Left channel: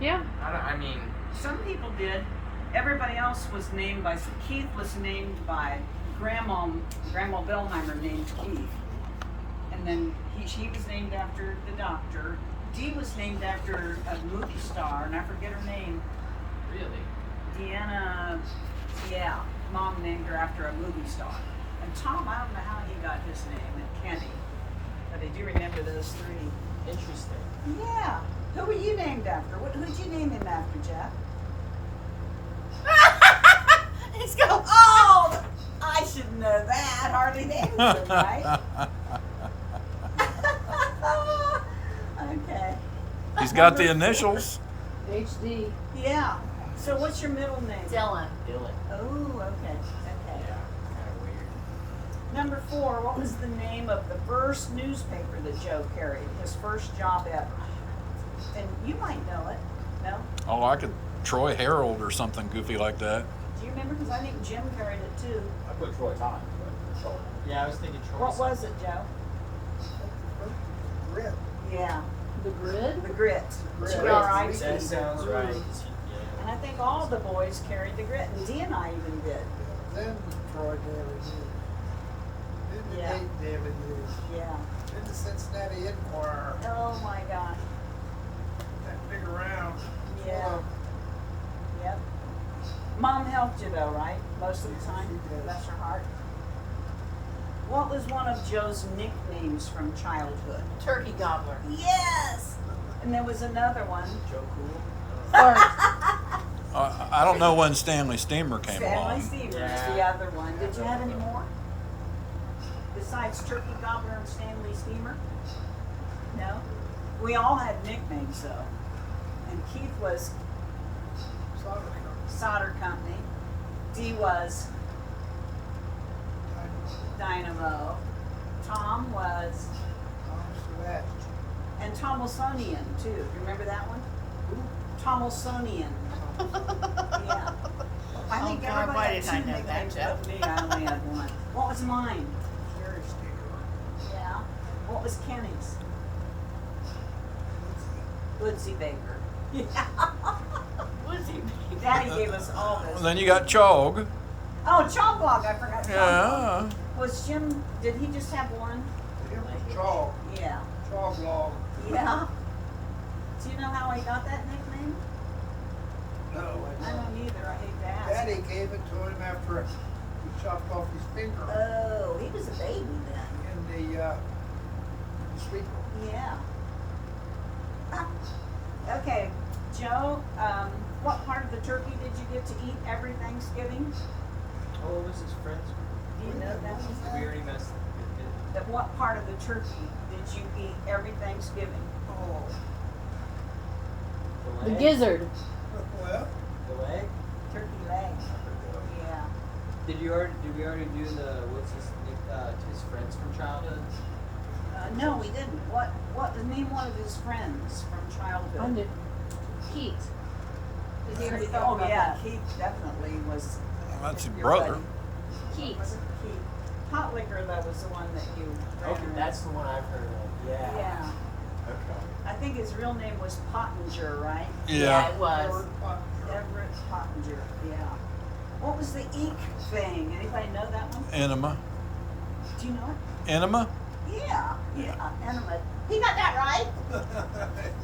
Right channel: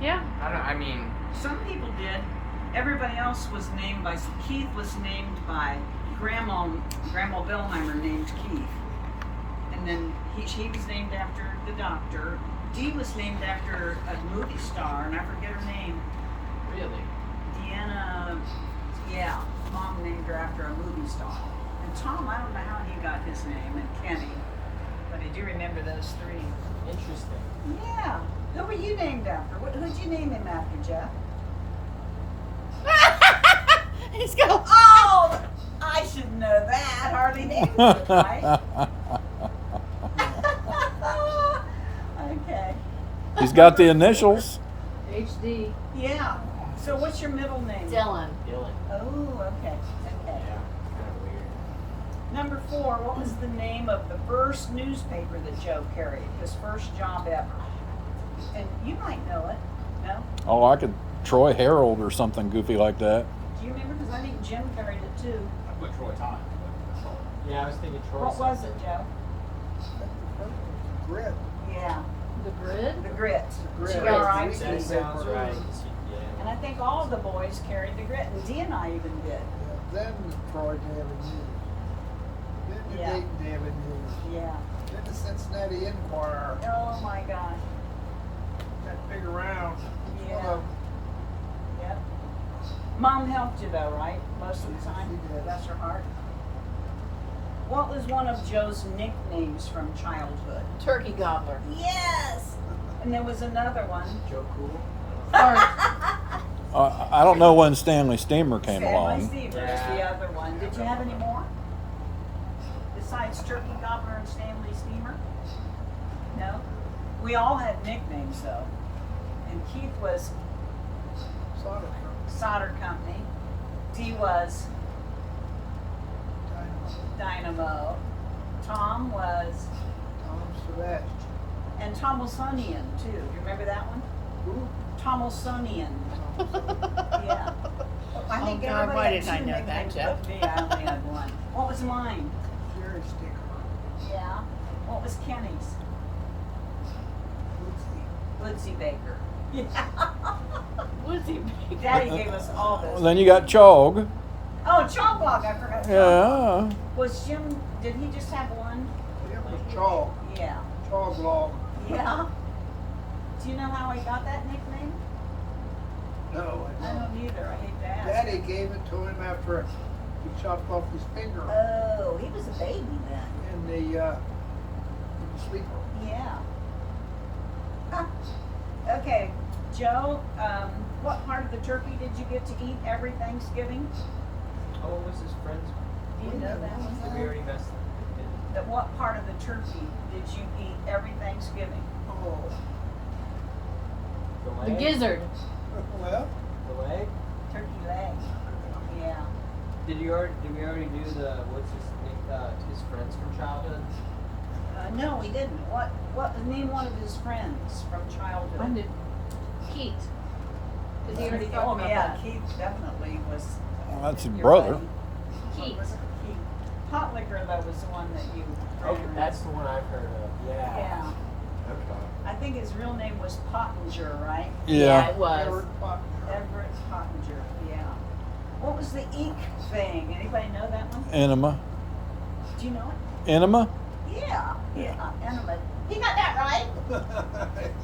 Yeah. I mean, Some people did. Everybody else was named by. Keith was named by Grandma Bellheimer named Keith, and then he was named after the doctor. Dee was named after a movie star, and I forget her name. really. Deanna, yeah, Mom named her after a movie star. And Tom, I don't know how he got his name, and Kenny, but I do remember those three. Interesting. Yeah. Who were you named after? Who'd you name him after, Jeff? He's going. Oh, I should know that. Harley Davidson, right? Okay. He's got the initials. HD. Yeah. So what's your middle name? Dylan. Dylan. Oh, okay. Okay. Yeah. Kind of weird. Number 4, what was the name of the first newspaper that Joe carried? His first job ever. And you might know it. No? Oh, I could Troy Herald or something goofy like that. Do you remember? Because I think Jim carried it too. I put Troy Todd, but Troy. Yeah, I was thinking Troy. What was it, Joe? Grit. Yeah. The Grid. The Grit. Grit. G-R-I-T. That sounds right. And I think all of the boys carried the Grit, and Dee and I even did. Then Troy Daily News. Then the Yeah. Dayton Daily News. Yeah. Then the Cincinnati Enquirer. Oh my gosh. That big around. Yeah. Yep. Mom helped you though, right? Most of the time? She did. Bless her heart. What was one of Joe's nicknames from childhood? Turkey Gobbler. Yes! And there was another one. Joe Cool. I don't know when Stanley Steamer came Stanley along. Steamer is the other one. Did you have any more? Besides Turkey Gobbler and Stanley Steamer? No? We all had nicknames though. And Keith was Solder Company. Solder Company. Dee was Dynamo. Tom was, Tom Sebastian. and Tomilsonian too. You remember that one? Who? Tomilsonian. Yeah. I think Oh, God, everybody why had did I two know that, nicknames, Jeff? but me, I only had one. What was mine? Jerry Sticker. Yeah. What was Kenny's? Woodsy Baker. Yeah. Lizzie. Daddy gave us all those. Then you got Chog. Oh, Chomblog, I forgot Chomblog. Yeah. Was Jim, did he just have one? Him was Chalk. Yeah. Chalk Log. Yeah. Do you know how he got that nickname? No, I don't either. I hate to ask. Daddy gave it to him after he chopped off his finger Oh, he was a baby then. in the speaker. Yeah. Ah. Okay, Joe, what part of the turkey did you get to eat every Thanksgiving? Oh, what was his friend's? Do you know that Did we one? already mess? At what part of the turkey did you eat every Thanksgiving? Oh, The leg? The gizzard. well, The leg? Turkey leg. Yeah. Did we already do the, what's his friends from childhood? No, we didn't. What name one of his friends from childhood? I did. Keith. Did he already talk Oh about yeah, that? Keith definitely was. That's his your brother. buddy. Keith. Was it Keith? Pot liquor though was the one that you. ran Okay, with. that's the one I've heard of. Yeah. Yeah. Okay. I think his real name was Pottinger, right? Yeah. it was. Everett Pottinger. Everett Pottinger. Yeah. What was the eek thing? Anybody know that one? Enema. Do you know it? Enema? Yeah. Enema. He got that right.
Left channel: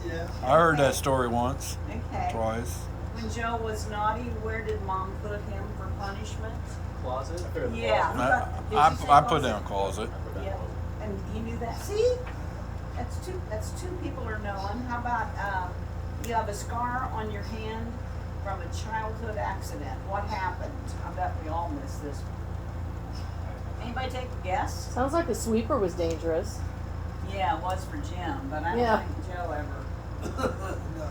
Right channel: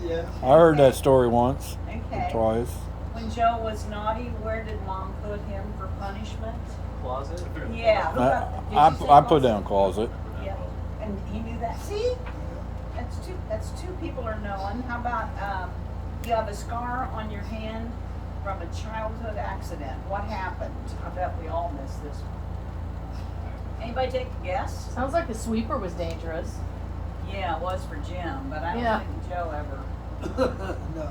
Yes. I heard that story once, Okay. twice. When Joe was naughty, where did Mom put him for punishment? Closet? I put it in the Yeah. closet. Did you say I put closet? down closet. I put it in the Yeah. closet. And he knew that. See, that's two people are knowing. How about you have a scar on your hand from a childhood accident? What happened? I bet we all missed this. Anybody take a guess? Sounds like the sweeper was dangerous. Yeah, it was for Jim, but I don't Yeah. think Joe ever. No.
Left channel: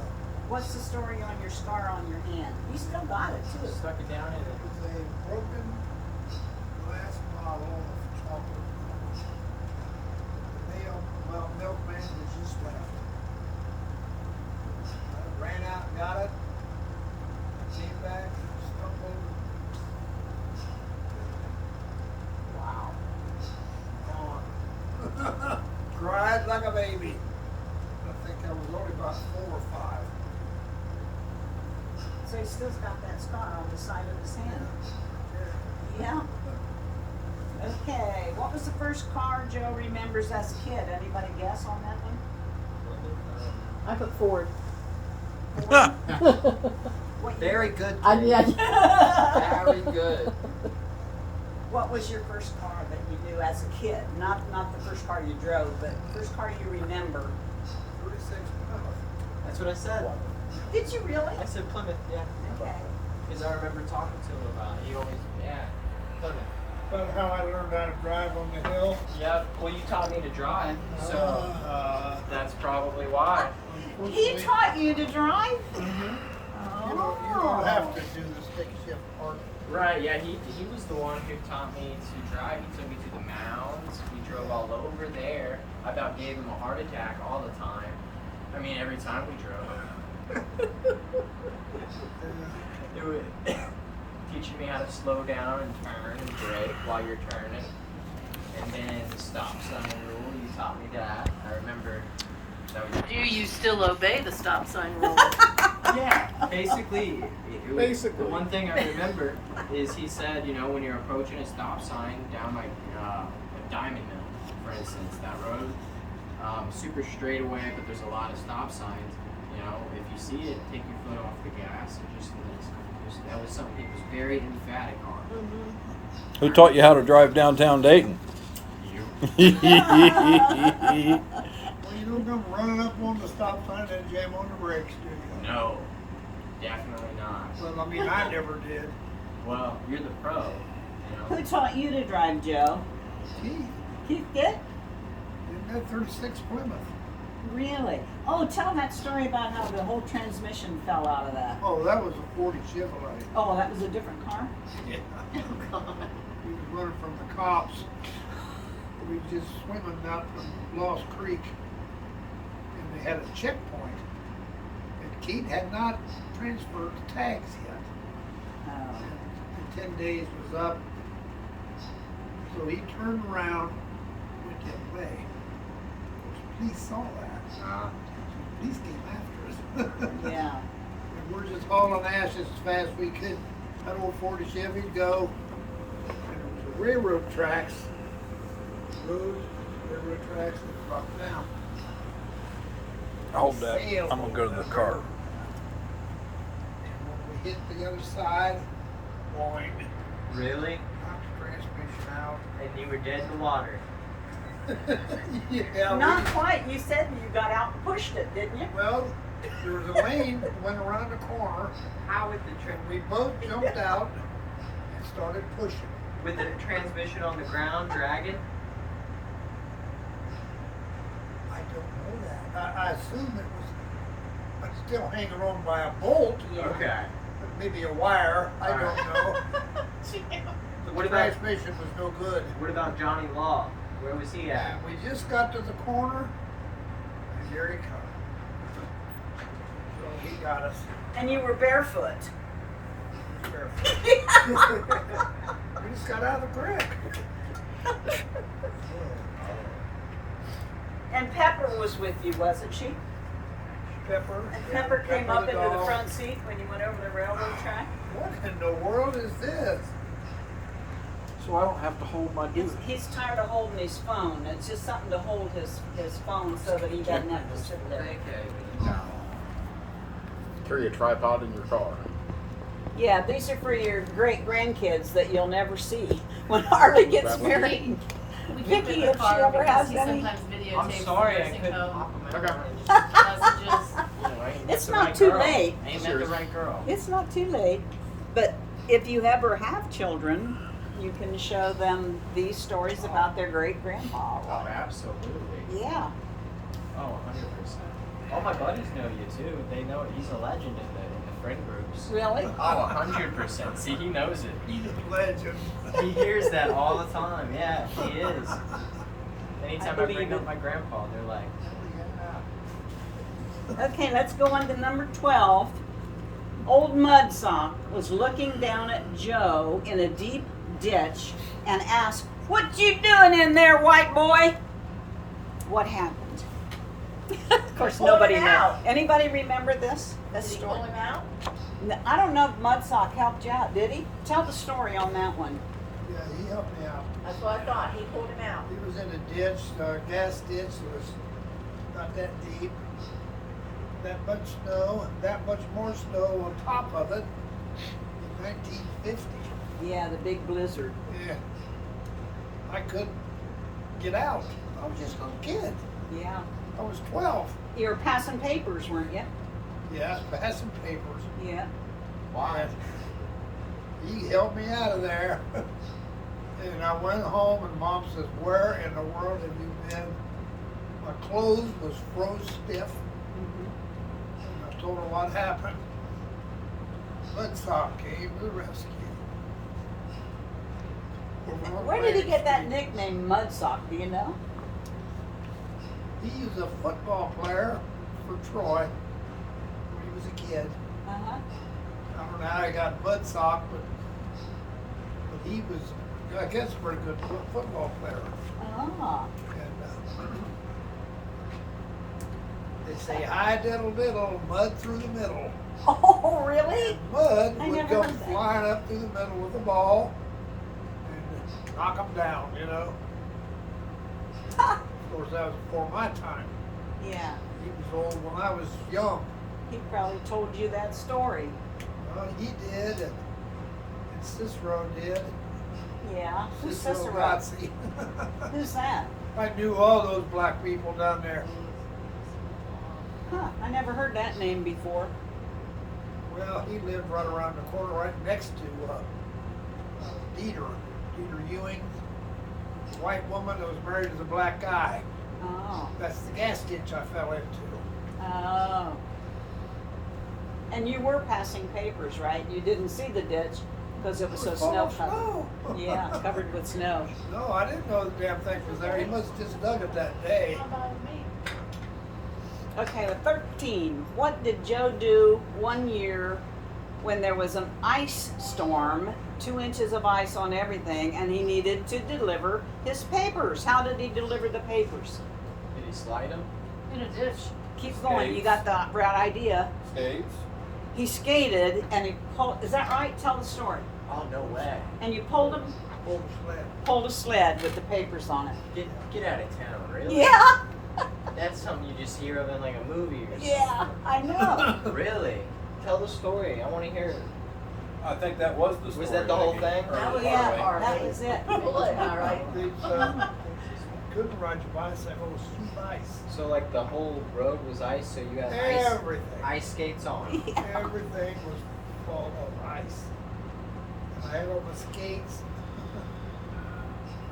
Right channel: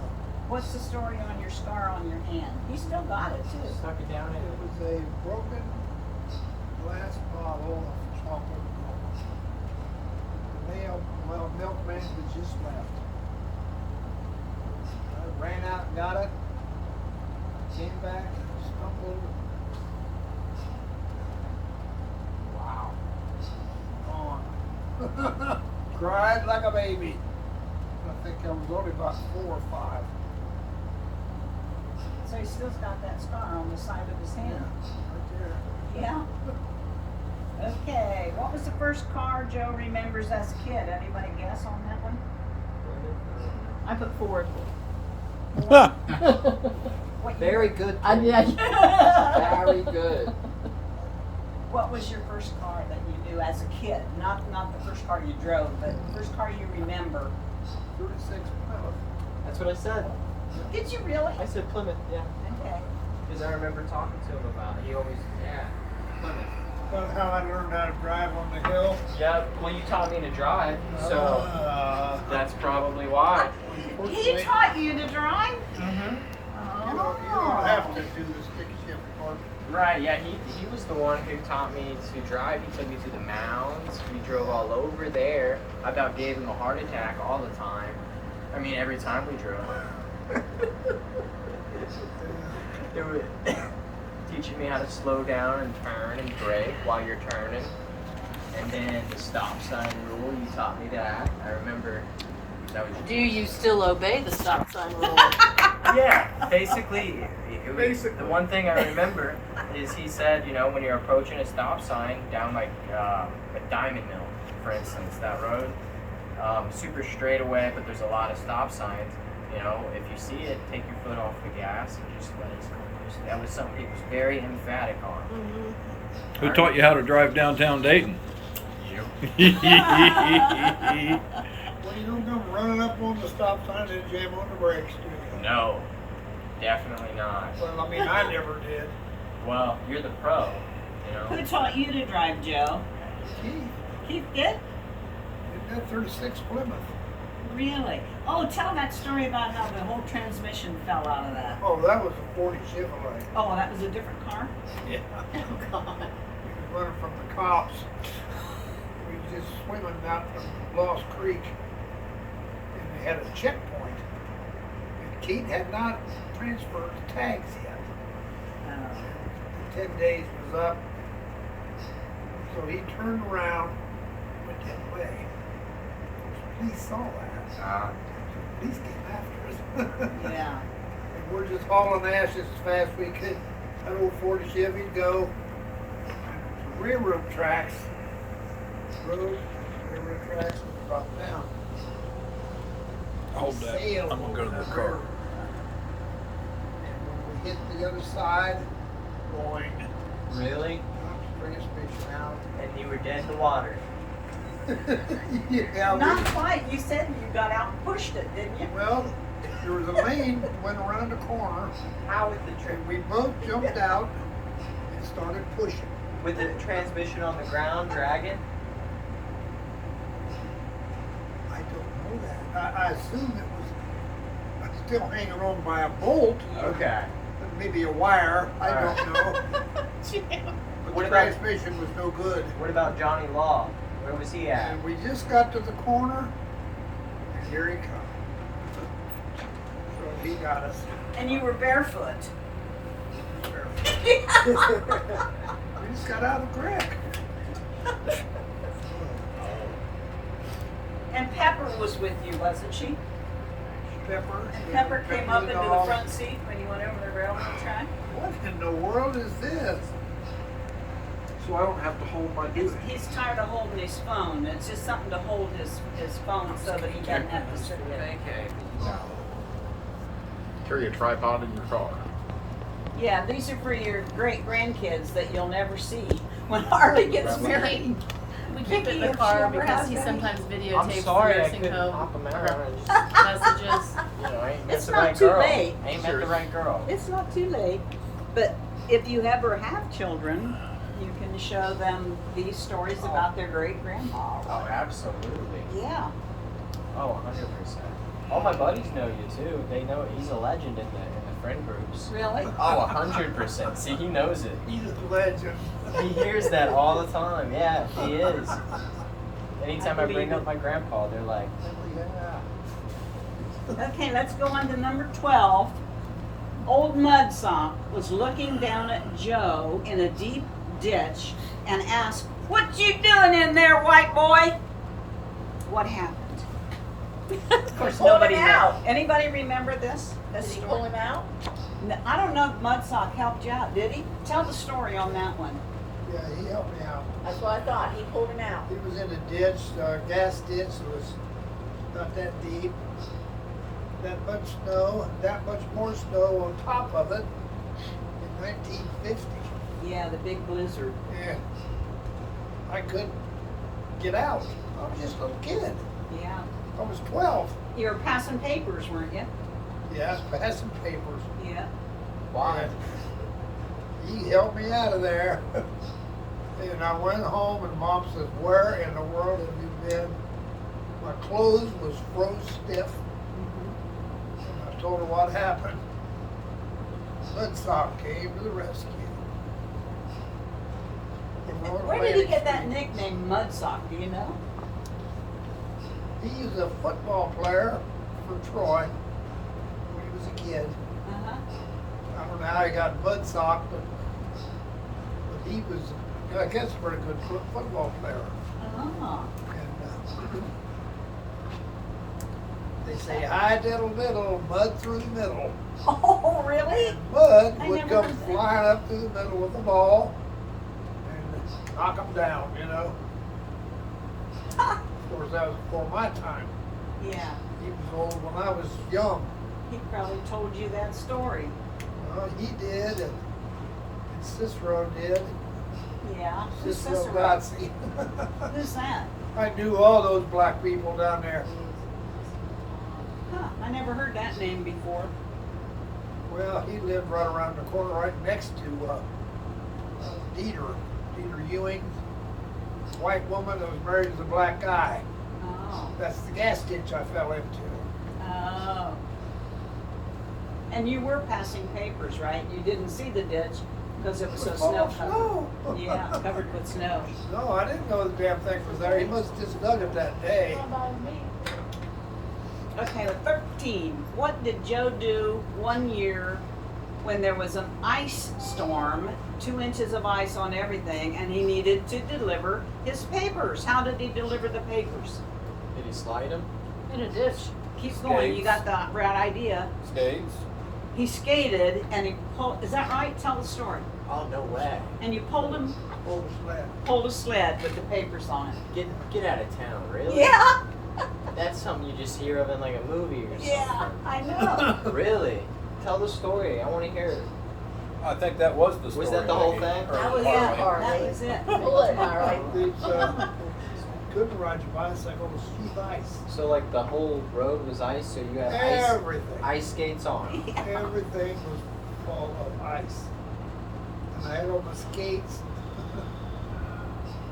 What's the story on your scar on your hand? You still got it too. Stuck it down in It it. was a broken glass bottle of chocolate milk. The milkman had just left. I ran out and got it. I came back, stumbled. Wow. On. Cried like a baby. I think I was only about 4 or 5. So he still's got that scar on the side of his hand. Yeah. Okay, what was the first car Joe remembers as a kid? Anybody guess on that one? I put Ford. What Very year? good. I did. Very good. What was your first car that you knew as a kid? Not the first car you drove, but the first car you remember. 36 Plymouth. That's what I said. Did you really? I said Plymouth, yeah. Okay. Because I remember talking to him about it. He always, yeah, Plymouth. About how I learned how to drive on the hill. Yeah, well, you taught me to drive, so that's probably why. He taught you to drive? You don't have to do the stick shift part. Right, yeah, he was the one who taught me to drive. He took me to the mounds. We drove all over there. I about gave him a heart attack all the time. I mean, every time we drove. They were teaching me how to slow down and turn and brake while you're turning. And then the stop sign rule, you taught me that. I remember that was... Do you still obey the stop sign rule? Yeah, basically, the one thing I remember is he said, you know, when you're approaching a stop sign down like a Diamond Mill, for instance, that road, super straight away, but there's a lot of stop signs. You know, if you see it, take your foot off the gas and just let it go. That was something he was very emphatic on. Who taught you how to drive downtown Dayton? You. Well, you don't come running up on the stop sign and jam on the brakes, do you? No, definitely not. Well, I mean, I never did. Well, you're the pro, you Who know. taught you to drive, Joe? Keith, Keith did? didn't have 36 Plymouth. Really? Oh, tell that story about how the whole transmission fell out of that. Oh, that was a 40 Chevrolet. Oh, that was a different car? Yeah. Oh, God. We was running from the cops. We was just swimming out to Lost Creek, and they had a checkpoint. And Keith had not transferred the tags yet. Oh. And 10 days was up, so he turned around, went the other way. Of course, police saw that. Police came after us. Yeah. And we're just hauling ashes as fast as we could. That old 40 Chevy'd go. And there was a railroad tracks. Railroad tracks, and dropped down. Hold that. Sailed I'm gonna go to over the that car. railroad. And when we hit the other side, boing, Really? knocked the transmission out. And you were dead in the water. Yeah, Not quite. You said you got out and pushed it, didn't you? well, there was a lane that went around the corner, How would the and we both jumped out and started pushing. with the transmission on the ground dragging? I don't know that. I assume it was still hanging on by a bolt, Okay. maybe a wire. I All don't right. know. But What the about- transmission was no good. What about Johnny Law? Where was he at? And we just got to the corner, and here he comes. So he got us. And you were barefoot. We just got out of the creek. And Pepper was with you, wasn't she? Pepper. And Pepper came up the into the dog. front seat when you went over the railroad track? What in the world is this? So I don't have to hold my duty. He's tired of holding his phone. It's just something to hold his phone so that he doesn't have to sit there. Okay. Carry a tripod in your car. Yeah, these are for your great grandkids that you'll never see when Harley gets married. We keep it in the If she car ever because has he any. sometimes I'm videotapes the sorry I nursing couldn't home pop him out. messages. You know, I ain't It's met the not right too girl. late. Ain't met the right girl. It's not too late, but if you ever have children, you can show them these stories about their great grandpa. Oh, absolutely. Yeah. Oh, 100%. All my buddies know you too. They know he's a legend in the friend groups. Really? Oh, 100%. See, he knows it. He's a legend. He hears that all the time. Yeah, he is. Anytime I believe bring it. up my grandpa, they're like, Okay, let's go on to number 12. Old Mudsock was looking down at Joe in a deep ditch and asked, "What you doing in there, white boy?" What happened? Of course, Pulled nobody him knows. out. Anybody remember this? Did This he story? pull him out? I don't know if Mudsock helped you out, did he? Tell the story on that one. Yeah, he helped me out. That's what I thought, he pulled him out. He was in a ditch, gas ditch. It was not that deep. That much snow, and that much more snow on top of it in 1950. Yeah, the big blizzard. And I couldn't get out. I was just a little kid. Yeah. I was 12. You were passing papers, weren't you? Yeah, I was passing papers. Yeah. Why? And he helped me out of there. And I went home and Mom says, "Where in the world have you been?" My clothes was froze stiff. And I told her what happened. Mudsock came to the rescue. Over on Where did he Atlantic get that Street. nickname Mudsock? Do you know? He was a football player for Troy when he was a kid. Uh-huh. I don't know how he got Mudsock, but he was, I guess, a pretty good football player. Oh. And they say, "Hi diddle diddle, mud through the middle." Oh, really? And mud I would never come heard that. flying up through the middle with the ball and knock them down, you know. Ha. Of course, that was before my time. Yeah. He was old when I was young. He probably told you that story. Well, he did, and Cicero did. Yeah. Who's Cicero Cicero? Gozzi. Who's that? I knew all those black people down there. Huh, I never heard that name before. Well, he lived right around the corner, right next to Dieter Ewing, white woman that was married to the black guy. Oh. That's the gas ditch I fell into. Oh. And you were passing papers, right? You didn't see the ditch because it was so full snow of covered. snow. Yeah, covered with snow. No, I didn't know the damn thing was there. He must have just dug it that day. Okay, 13. What did Joe do one year when there was an ice storm, 2 inches of ice on everything, and he needed to deliver his papers? How did he deliver the papers? Did he slide him? In a ditch. Keep going, you got the right idea. Skates. He skated and he pulled, is that right? Tell the story. Oh, no way. And you pulled Pulled a sled. a sled with the papers on it. Get out of town, really? Yeah, That's something you just hear of in like a movie or something. yeah, I know. Really? Tell the story. I want to hear it. I think that was the story. Was that the whole Maggie, thing? or That was Yeah, part of it. that was it. Bullet, all right. These, couldn't ride your bicycle, it was cheap ice. So like the whole road was ice, so you had Everything. ice skates on. Everything was full of ice. And I had on my skates.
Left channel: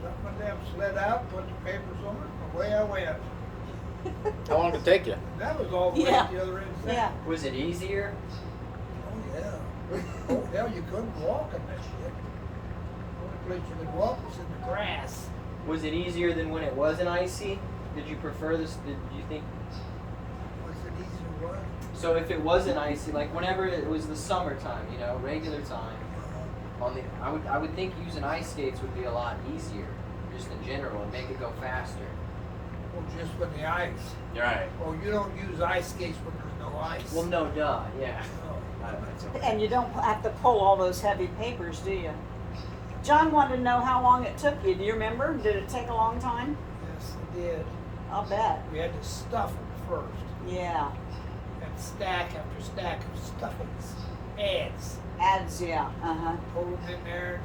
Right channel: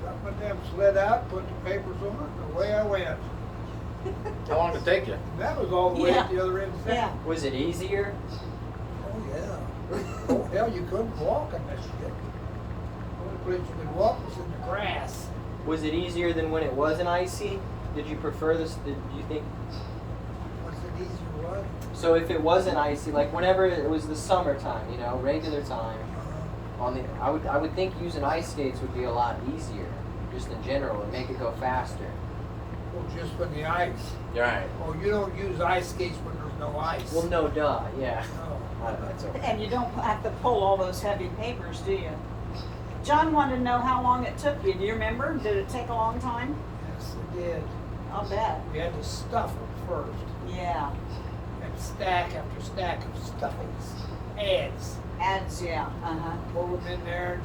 Got my damn sled out, put the papers on it, and away I went. How long did it take you? And that was all the way Yeah. at the other end of Yeah. town. Was it easier? Oh, yeah. Oh, hell, you couldn't walk in this shit. The only place you could walk was in the grass. Was it easier than when it wasn't icy? Did you prefer this? Did you think? Was it easier what? So if it wasn't icy, like whenever it was the summertime, you know, regular time, on the, I would think using ice skates would be a lot easier, just in general, and make it go faster. Well, just when the ice. Right. Oh, you don't use ice skates when there's no ice. Well, no, duh, yeah. No. That's okay. And you don't have to pull all those heavy papers, do you? John wanted to know how long it took you. Do you remember? Did it take a long time? Yes, it did. I'll bet. We had to stuff them first. Yeah. And stack after stack of stuffings. Ads. Ads, yeah. Uh-huh. Pull them in there.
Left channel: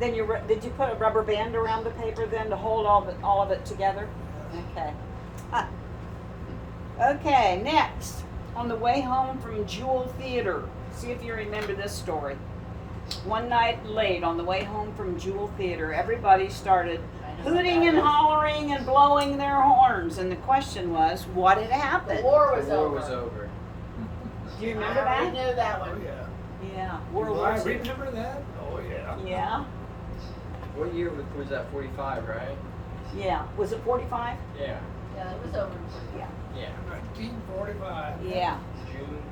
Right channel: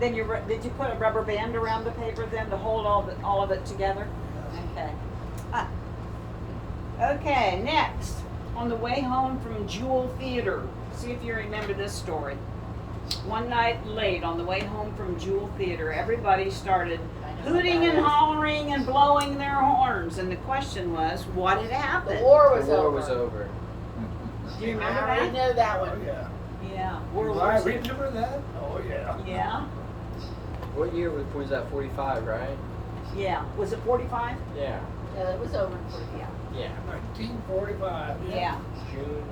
Then did you put a rubber band around the paper then to hold all of it together? Yeah. Okay. Ah. Okay, next. On the way home from Jewel Theater. See if you remember this story. One night late on the way home from Jewel Theater, everybody started hooting and hollering and blowing their horns. And the question was, what had The happened? war was The war over. was over. Do you remember I that? know that Oh, one. yeah. Yeah. Do World I War II. remember that? Oh, yeah. Yeah. What year was that? 45, right? Yeah. Was it 45? Yeah. It was over. Yeah. Yeah. 1945. Yeah. June.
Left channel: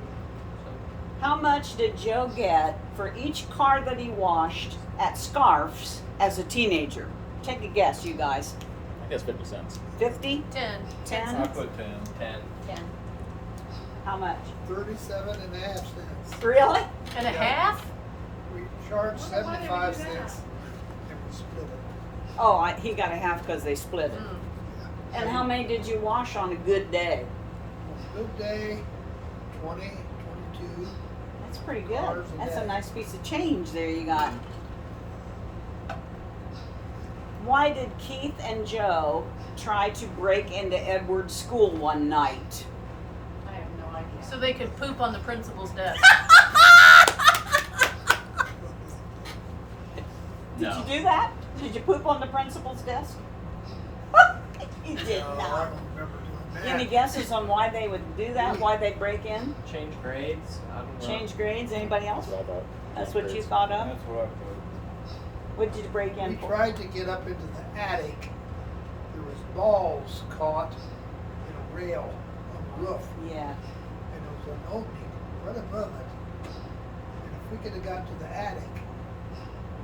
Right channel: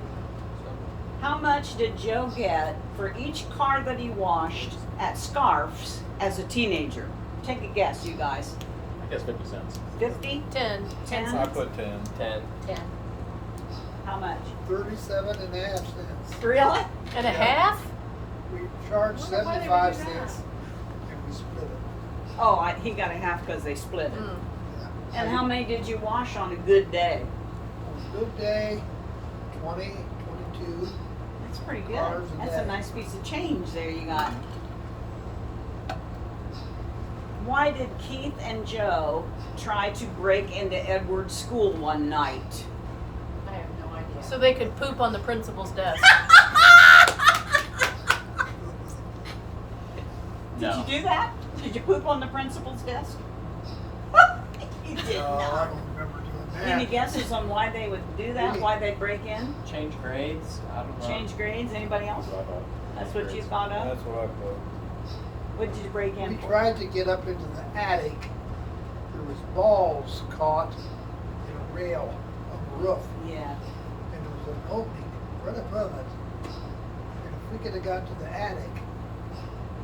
How much did Joe get for each car that he washed at Scarf's as a teenager? Take a guess, you guys. guess 50 cents. 50? 10. 10? I put 10. 10. 10. How much? 37.5 cents. Really? And a Yeah. half? We charged Why did we 75 do that? cents and we split it. Oh, he got a half because they split it. Mm. Yeah. And how many did you wash on a good day? On a good day, 20, 22. That's pretty good. Cars a That's a day. nice piece of change there you got. Why did Keith and Joe try to break into Edward's school one night? I have no idea. So they could poop on the principal's desk. Did No. you do that? Did you poop on the principal's desk? You did No, I not. don't remember doing that. Any guesses on why they would do that? Why they break in? Change grades? I don't know. Change grades? Anybody else? That's what you thought of? That's what I thought. What did you break in We for? tried to get up into the attic. There was balls caught in a rail on the roof, Yeah. and there was an opening right above it. And if we could have got to the attic,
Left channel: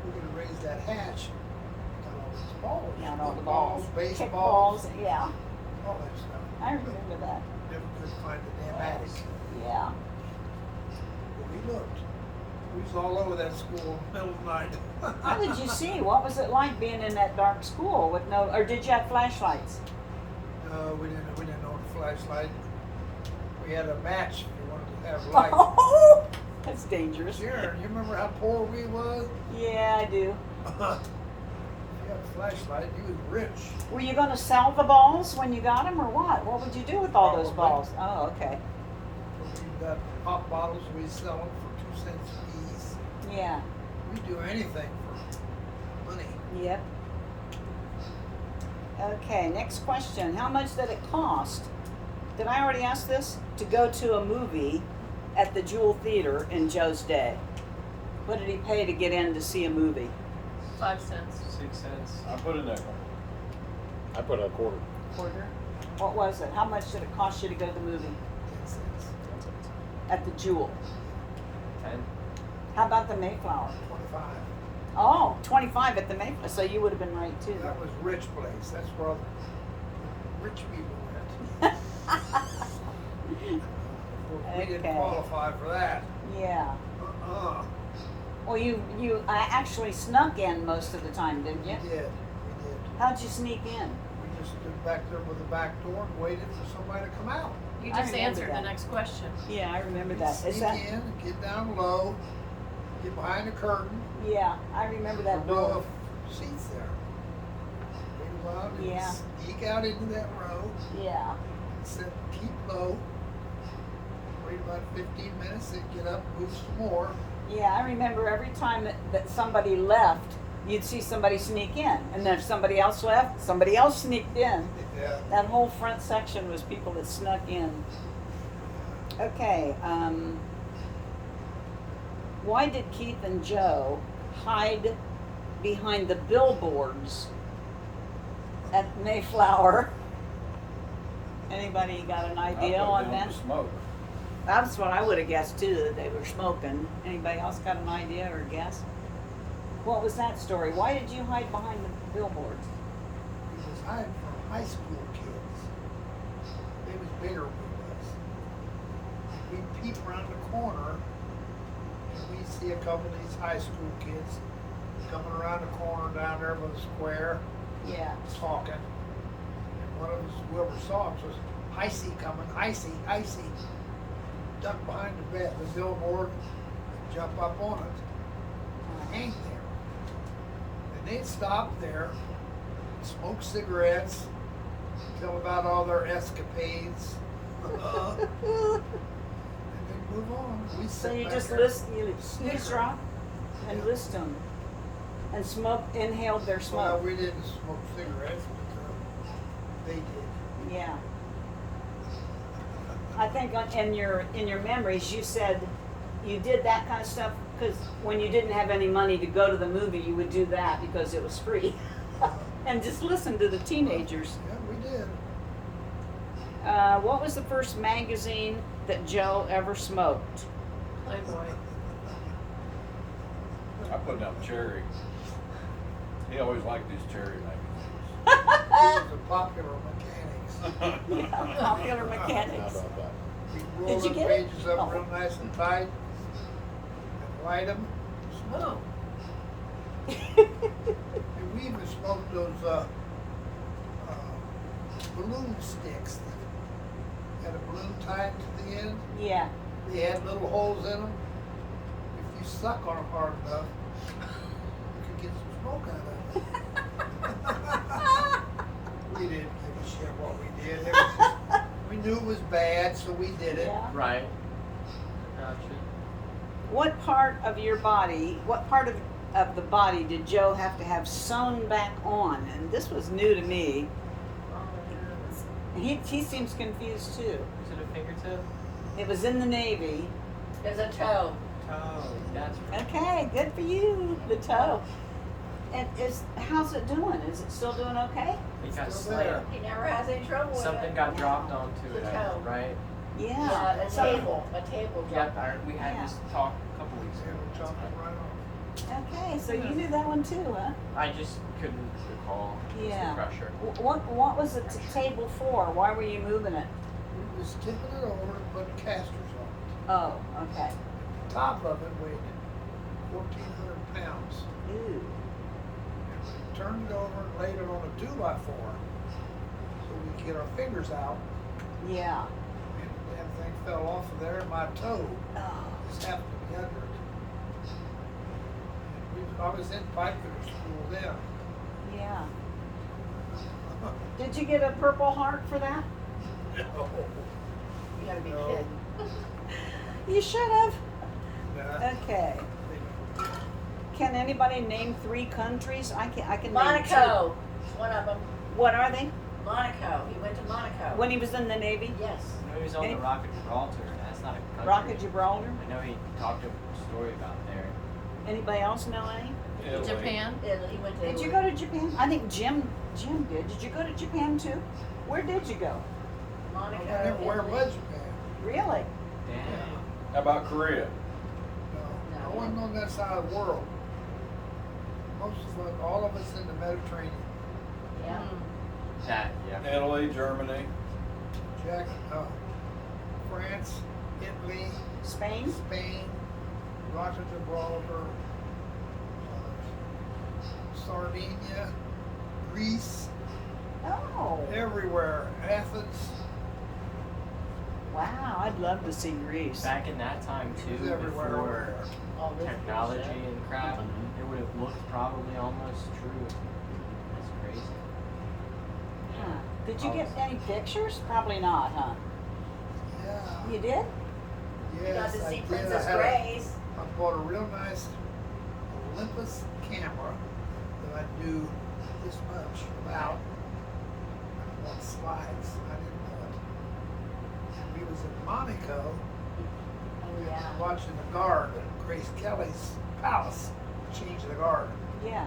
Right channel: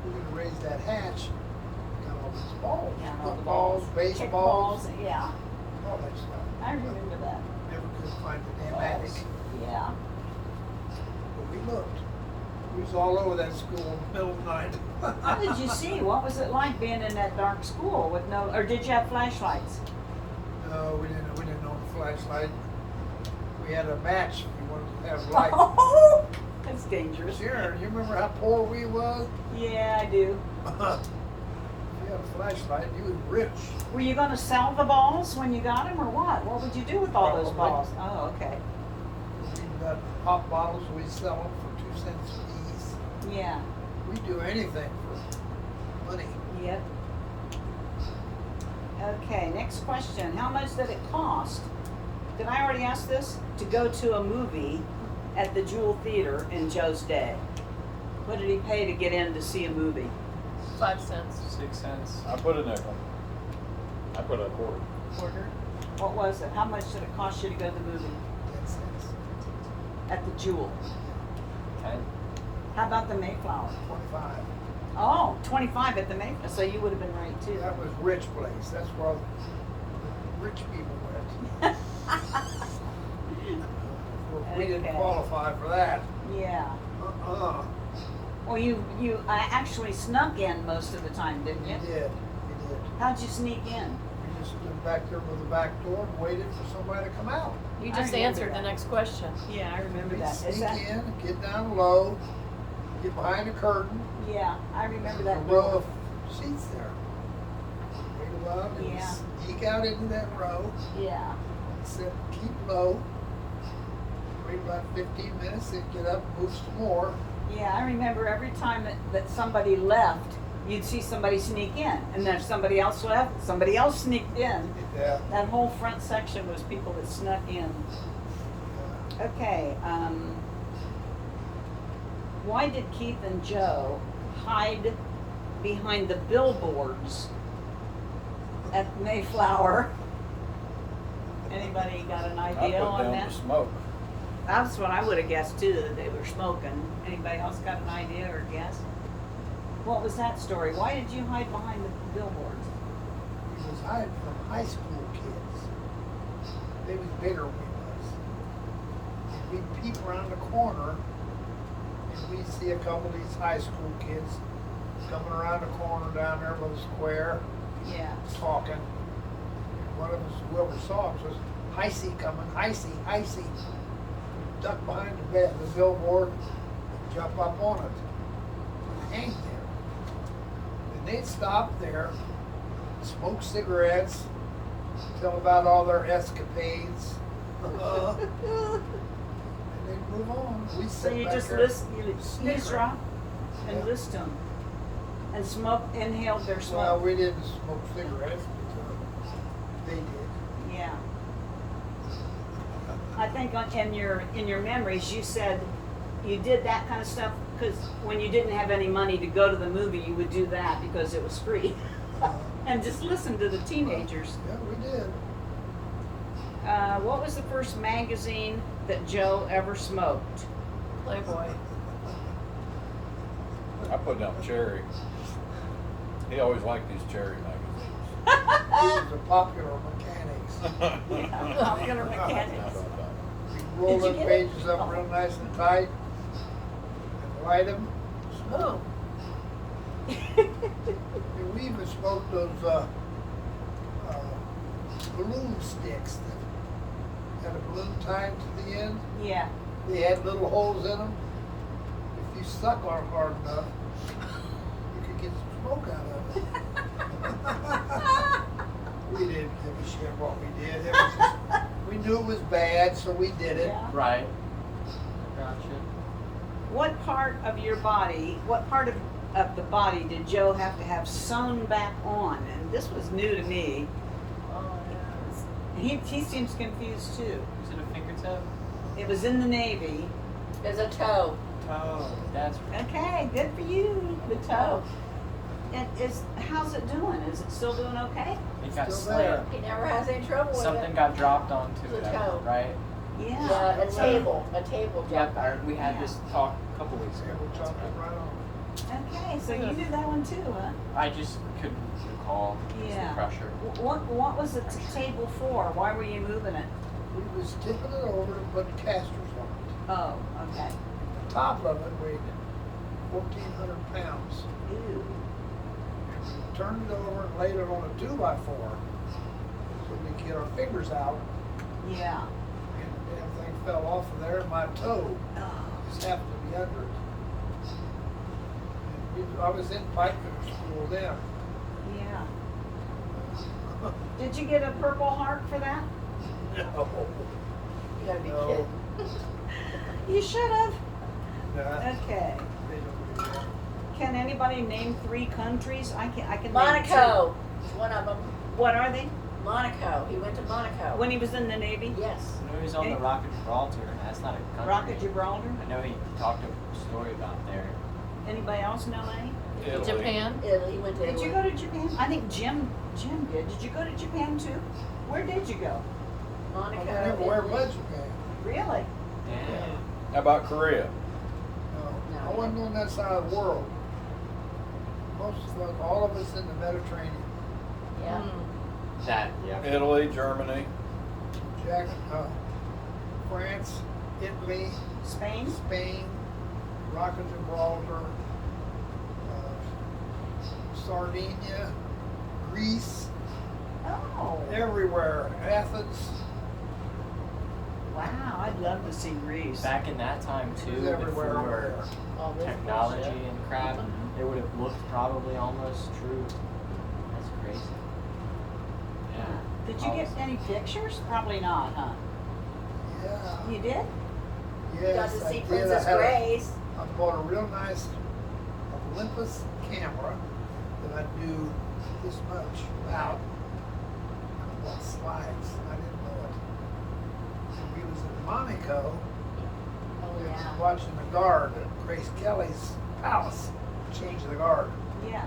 we could have raised that hatch and got all these balls. Yeah, and all the Footballs, balls. baseballs, Kickballs, yeah. all that stuff. I remember that. Never could find the damn attic. Yeah. But we looked. We was all over that school in the middle of the night. How did you see? What was it like being in that dark school with no, or did you have flashlights? No, we didn't own a flashlight. We had a match if we wanted to have light. Oh, that's dangerous. Sure, you remember how poor we was? Yeah, I do. If you had a flashlight, you was rich. Were you going to sell the balls when you got them, or what? What would you do with all those Probably. balls? Oh, okay. We got pop bottles, we sell them for 2 cents a piece. Yeah. We do anything for money. Yep. Okay, next question. How much did it cost? Did I already ask this? To go to a movie at the Jewel Theater in Joe's day. What did he pay to get in to see a movie? 5 cents. 6 cents. I put a nickel. I put a quarter. Quarter? What was it? How much did it cost you to go to the movie 10 cents. at the Jewel? 10. How about the Mayflower? 25. Oh, 25 at the Mayflower. So you would have been right too. That was rich place. That's where all the rich people went. We didn't Okay. qualify for that. Yeah. Uh-uh. Well, you actually snuck in most of the time, didn't We you? did. We did. How'd you sneak in? We just stood back there by the back door and waited for somebody to come out. You I just remember answered that. the next question. Yeah, I remember We'd that. Is sneak that? in, get down low, get behind the curtain. Yeah, I remember There's that. a row of seats there. Wait a while, and Yeah. sneak out into that row, Yeah. sit, keep low, wait about 15 minutes, then get up, move some more. Yeah, I remember every time that somebody left, you'd see somebody sneak in. And then if somebody else left, somebody else sneaked in. Yeah. That whole front section was people that snuck in. Yeah. Okay, why did Keith and Joe hide behind the billboards at Mayflower? Anybody got an idea on I put down that? to smoke. That's what I would have guessed too, that they were smoking. Anybody else got an idea or guess? What was that story? Why did you hide behind the billboards? We was hiding from high school kids. They was bigger than we was. And we'd peep around the corner and we'd see a couple of these high school kids coming around the corner down there by the square, Yeah. talking. And one of us, whoever saw us, was, "Heisey coming, Heisey, Heisey." Duck behind the billboard and jump up on it and hang there. And they'd stop there, smoke cigarettes, tell about all their escapades, and they'd move on. We So sit you back just there listen, you just snickering. drop and Yeah. listen to them. And inhaled their Well, smoke. we didn't smoke cigarettes, but they did. Yeah. I think in your memories, you said you did that kind of stuff because when you didn't have any money to go to the movie, you would do that because it was free. And just listen to the teenagers. Yeah, we did. What was the first magazine that Joe ever smoked? Playboy. I put down Cherry. He always liked these Cherry magazines. was a popular mechanics. Yeah, popular mechanics. We roll Did you them get it? pages up Oh. real nice and tight and light them, smoke 'em. And we even smoked those balloon sticks that had a balloon tied to the end. Yeah. They had little holes in them. If you suck on them hard enough, you could get some smoke out of it. We didn't give a shit what we did. It was just, we knew it was bad, so we did it. Yeah. Right. Gotcha. What part of your body, what part of the body did Joe have to have sewn back on? And this was new to me. He seems confused too. Is it a fingertip? It was in the Navy. There's a toe. Oh, that's Okay, good for you, the toe. And how's it doing? Is it still doing okay? it got Still there. slammed. He never has any trouble with it. Something got dropped onto it, The toe. right? Yeah. Yeah, a Still table Yep, dropped there. we had this talk a couple weeks And ago. we chopped it right off. Okay, so you knew that one too, huh? I just couldn't recall. It was Yeah. the pressure. What was the table for? Why were you moving it? We was tipping it over to put casters on it. Oh, okay. The top of it weighed 1,400 pounds. Ooh. And we turned it over and laid it on a 2x4 so we could get our fingers out. Yeah. And the damn thing fell off of there and my toe Oh. just happened to be under it. And I was in pipefitter school then. Yeah. Did you get a Purple Heart for that? No. You gotta be No. kidding. You should have. Nah, Okay. they don't do that. Can anybody name 3 countries? I can name 2. Monaco, one of them. What are they? Monaco, he went to Monaco. When he was in the Navy? Yes. I know he's on the Any- Rock of Gibraltar. That's not a country. Rock of Gibraltar? I know he talked a story about there. Anybody else know any? Japan, Italy, he went to Did you Italy. go to Japan? I think Jim did. Did you go to Japan too? Where did you go? I Monaco, went everywhere Italy. but Japan. Really? Yeah. How about Korea? No, No. I wasn't on that side of the world. Most of us, all of us in the Mediterranean. Yeah. That, yeah. Italy, Germany. France, Italy, Spain? Spain, Rock of Gibraltar, Sardinia, Greece, Oh, everywhere. Athens, wow. I'd love to see Greece. Back in that time it too, was everywhere over before there. All this technology bullshit. and crap, it would have looked probably almost true. That's crazy. Huh. Did you get any pictures? Probably not, huh? Yeah. You did? Yes, Got to I see did. Princess Grace. I bought a real nice Olympus camera that I knew this much about. I bought slides. I didn't know it. And we was in Monaco. We were Yeah. watching the guard at Grace Kelly's palace, change the guard. Yeah.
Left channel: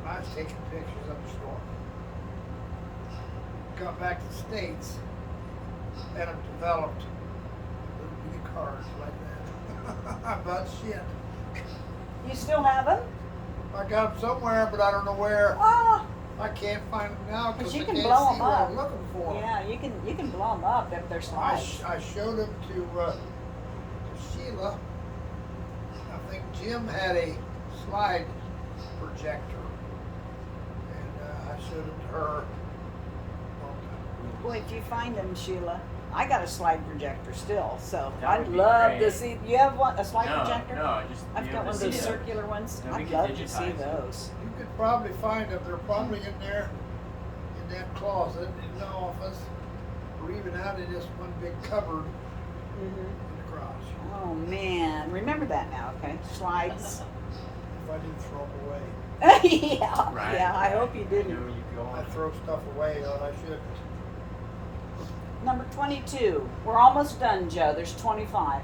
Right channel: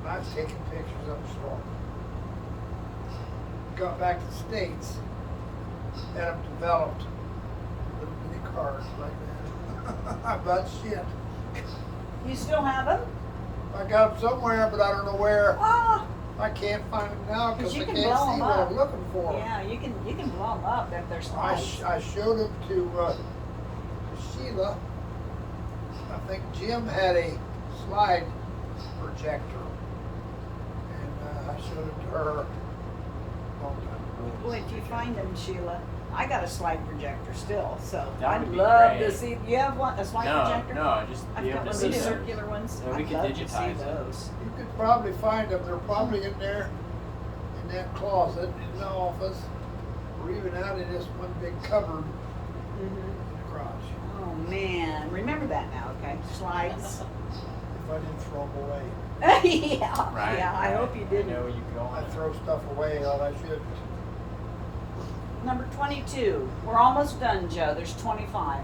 And I was taking pictures of the storm. Got back to the States, had them developed little bitty cars like that. About shit. You still have them? I got them somewhere, but I don't know where. Ah, I can't find them now because you I can can't blow see 'em what up. I'm looking for. yeah. You can blow them up if they're I, slides. I showed them to Sheila. I think Jim had a slide projector, and I showed them to her a long time ago. Boy, if you find them, Sheila, I got a slide projector still, so That I'd would be love great. to see. You have one, a slide projector? No, I just I've be got able one to of see those them. circular ones. Yeah, we I'd could love to see digitize it. those. You could probably find them. They're probably in there, in that closet in the office, or even out in this one big cupboard Mhm. in the garage. Oh man, remember that now, okay? Slides. If I didn't throw them away, yeah, Right, yeah. I right. hope you I didn't. know you go I on. throw stuff away that I shouldn't. Number 22. We're almost done, Joe. There's 25.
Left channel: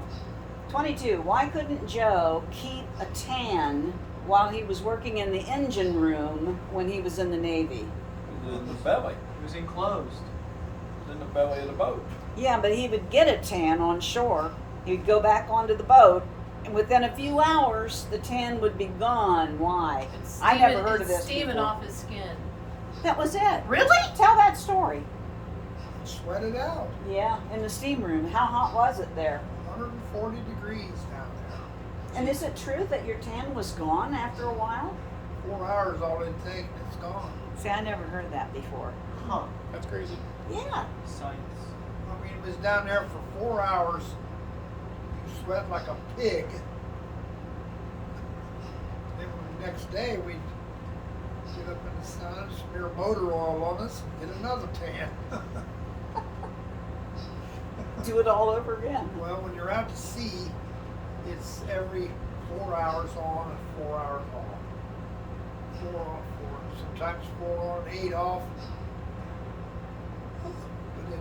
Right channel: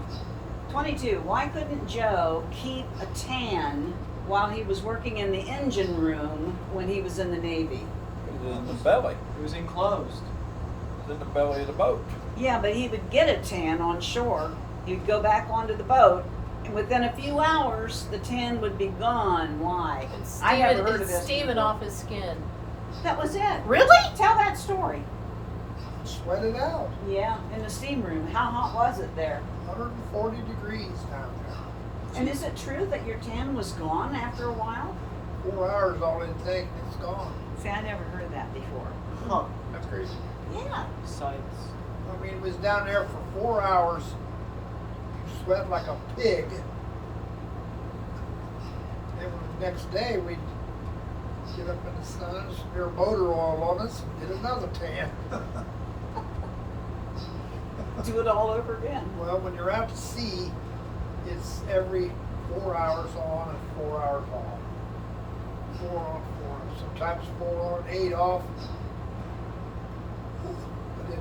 22. Why couldn't Joe keep a tan while he was working in the engine room when he was in the Navy? It was in the belly. It was enclosed. It was in the belly of the boat. Yeah, but he would get a tan on shore. He'd go back onto the boat, and within a few hours, the tan would be gone. Why? It's I never Steven- heard of it's this Steven before. off his skin. That was it. Really? Tell that story. Sweat it out. Yeah, in the steam room. How hot was it there? 140 degrees down there. And is it true that your tan was gone after a while? 4 hours all it take and it's gone. See, I never heard that before. Huh. That's crazy. Yeah. Sights. I mean, it was down there for 4 hours. You sweat like a pig. And the next day we'd get up in the sun, smear motor oil on us, and get another tan. Do it all over again. Well, when you're out to sea, it's every 4 hours on and 4 hours off. 4 on, 4 off. Sometimes 4 on, 8 off. But it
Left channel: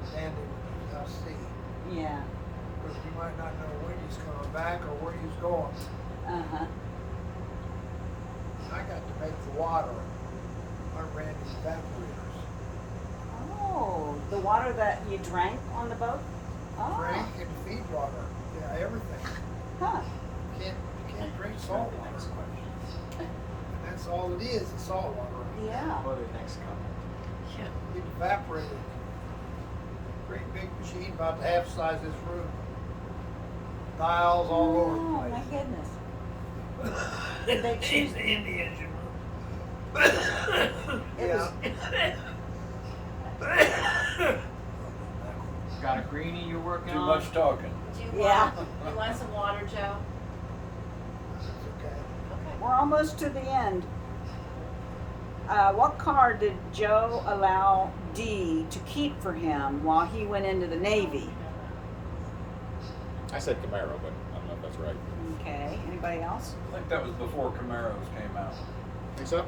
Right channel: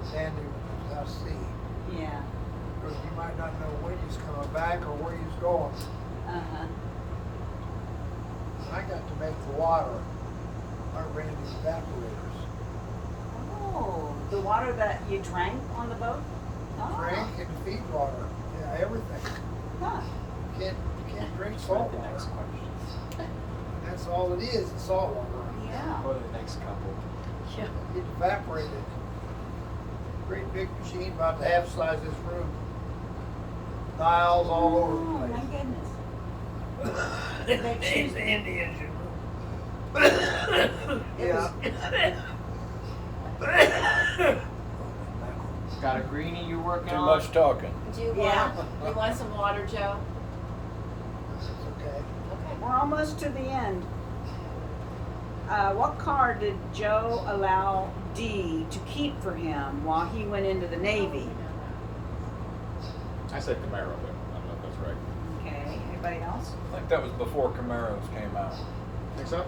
was a dandy when you was out to sea. Yeah. Because you might not know when you's coming back or where you's going. Uh-huh. And I got to make the water. I ran the evaporators. Oh, the water that you drank on the boat? Oh. Drink and feed water. Yeah, everything. Huh. You can't drink salt water. And that's all it is salt water. Yeah. Or the next couple. It evaporated. Great big machine about the half size of this room. Dials all over the Oh, place. my goodness. It's they choose- in the engine room. It Yeah. Got a greenie you're working Too on? much talking. Do you Yeah. want some water, Joe? That's okay. We're almost to the end. What car did Joe allow Dee to keep for him while he went into the Navy? I said Camaro, but I don't know if that's right. Okay, anybody else? I think that was before Camaros came out. Think so?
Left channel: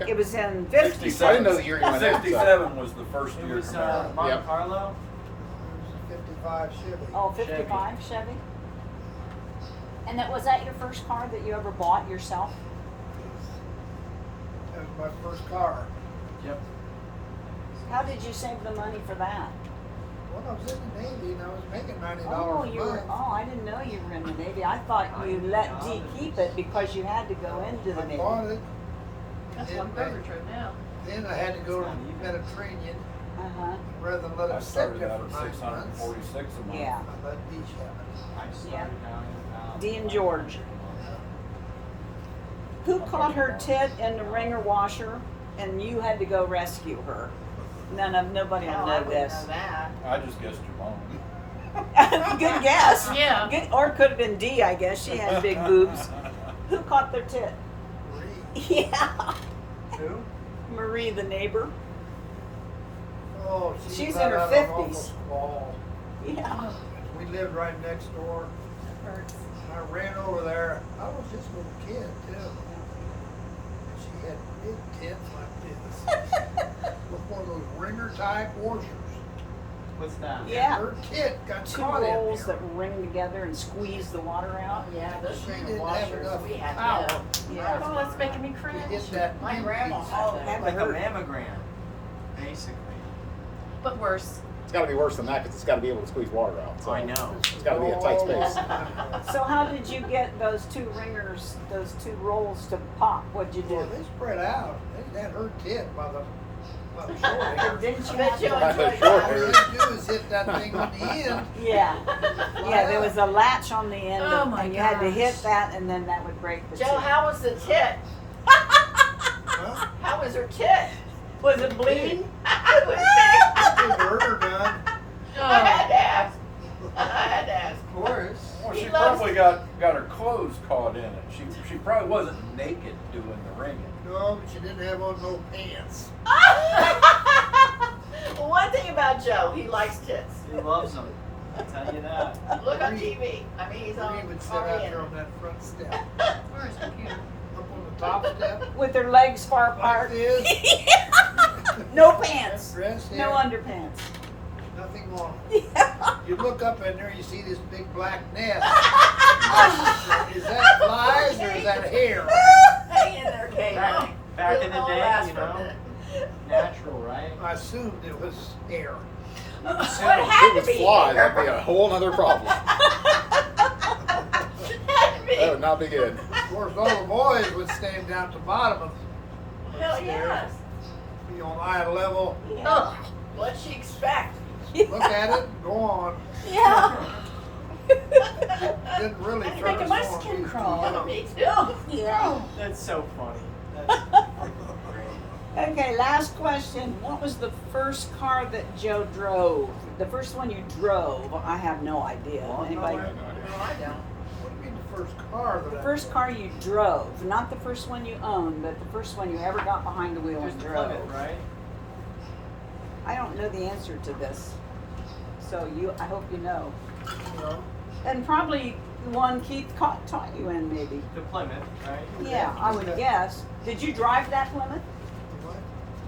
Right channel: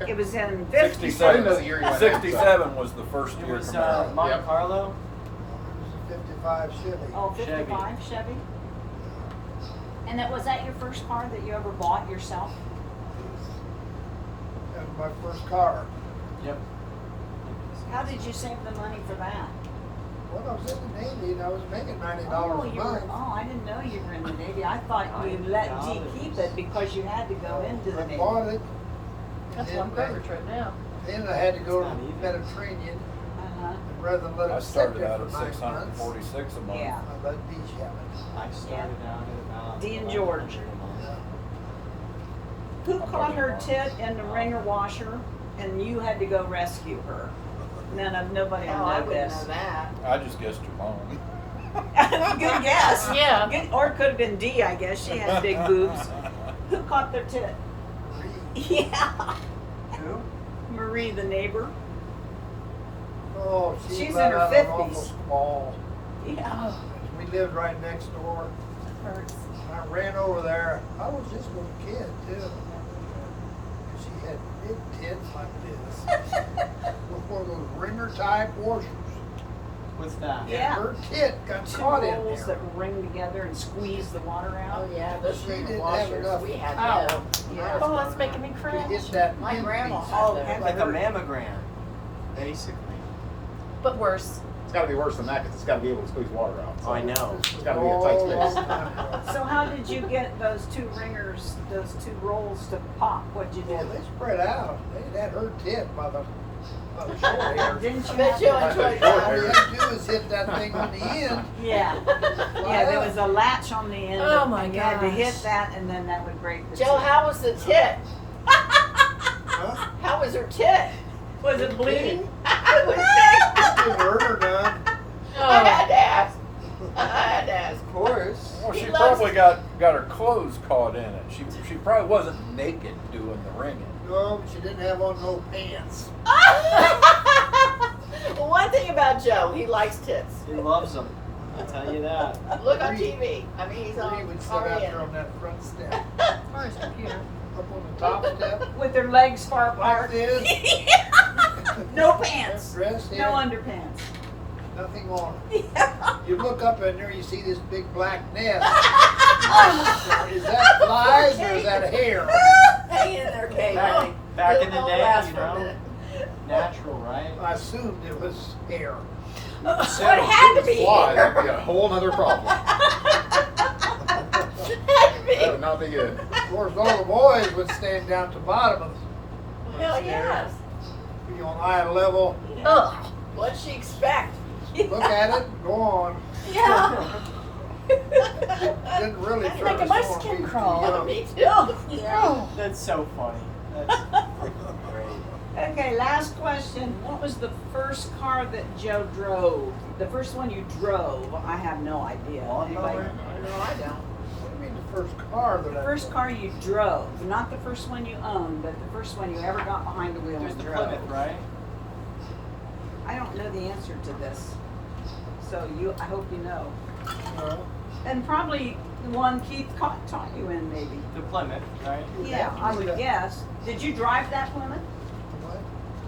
Okay. It was in I 50s. didn't know the year you went out, so- 67 was the first It year was Camaro. Monte Yep. Carlo? It was a 55 Chevy. Oh, 55 Chevy? And was that your first car that you ever bought yourself? That was my first car. Yep. How did you save the money for that? Well, I was in the Navy and I was making $90 Oh, a you were, month. oh, I didn't know you were in the Navy. I thought you let Dee keep it because you had to go into the I Navy. bought it. That's And one river trip now. then I had to go to the Mediterranean, Uh-huh. and rather than let I it sit started there out for at 9 months, 646 a month. Yeah. I let Beach have it. I started down at about. Dee and George. Yeah. Who caught her tit in the wringer washer and you had to go rescue her? Nobody will Hell, I know wouldn't this. know that. I just guessed you wrong. Good guess. Yeah. Good, or it could have been Dee, I guess. She had big boobs. Who caught their tit? Marie. Yeah. Who? Marie, the neighbor. Oh, She's she in let her out an 50s. awful squall. Yeah. We lived right next door. Hurts. And I ran over there. I was just a little kid, too. And she had big tits like this. With one of those ringer type washers. What's that? Yeah. And her tit got Two caught in rolls there. that ring together and squeeze the water out. Oh, yeah, those She river didn't have washers, enough we had power them. Yeah. Oh, that's making me to cringe. hit that My pin grandma piece. had Oh, them. heaven. Like a mammogram, basically. But worse. It's gotta be worse than that, because it's gotta be able to squeeze water out. So I know. This was gotta be a tight all space. long time ago. So how did you get those two ringers, those two rolls to pop? What'd you Well, do? they spread out. They had her tit by the short hairs. Didn't you Bet have you to? enjoyed All that. you had to do is hit that thing on the end. Yeah. Fly Yeah, there up. was a latch on the end Oh, my and you had to hit gosh. that and then that would break the Joe, tit. how was the tit? Huh? How was her tit? Was it bleeding? It was big. Didn't hurt her none. I had to ask. I had to ask. Of course. Well, she He loves- probably got her clothes caught in it. She probably wasn't naked doing the ringing. No, but she didn't have on no pants. Well, one thing about Joe, he likes tits. He loves them. I'll tell you that. Look on Marie- TV. I mean, he's Marie on. would sit out there on that front step, Or his computer. up on the top step, With their legs far like apart. this. No pants. Dress No here, underpants. nothing on. Yeah. You look up in there, you see this big black nest. Is that flies or is that hair? Hang in there, Kate. Back in the It'll day, last you for a know. minute. Natural, right? I assumed it was hair. It had to be Fly, hair. that'd be a whole nother problem. It had to be That would not be good. Of course, all the boys would stand down at the bottom of the Hell stairs, yes. be on eye level, Ugh, what'd she expect? look at it, and go on. Yeah. Didn't really turn Making us my on, we skin were too crawl. young. Me too. Yeah. That's so funny. That's great. Okay, last question. What was the first car that Joe drove? The first one you drove? I have no idea. Anybody? No, I don't. What do you mean the first car that The I first drove? car you drove, not the first one you owned, but the first one you ever got behind the wheel There's and the drove. Plymouth, right? I don't know the answer to this, so I hope you know. No. And probably the one Keith taught you in, maybe. The Plymouth, right? Yeah, I would Yeah. guess. Did you drive that Plymouth? What?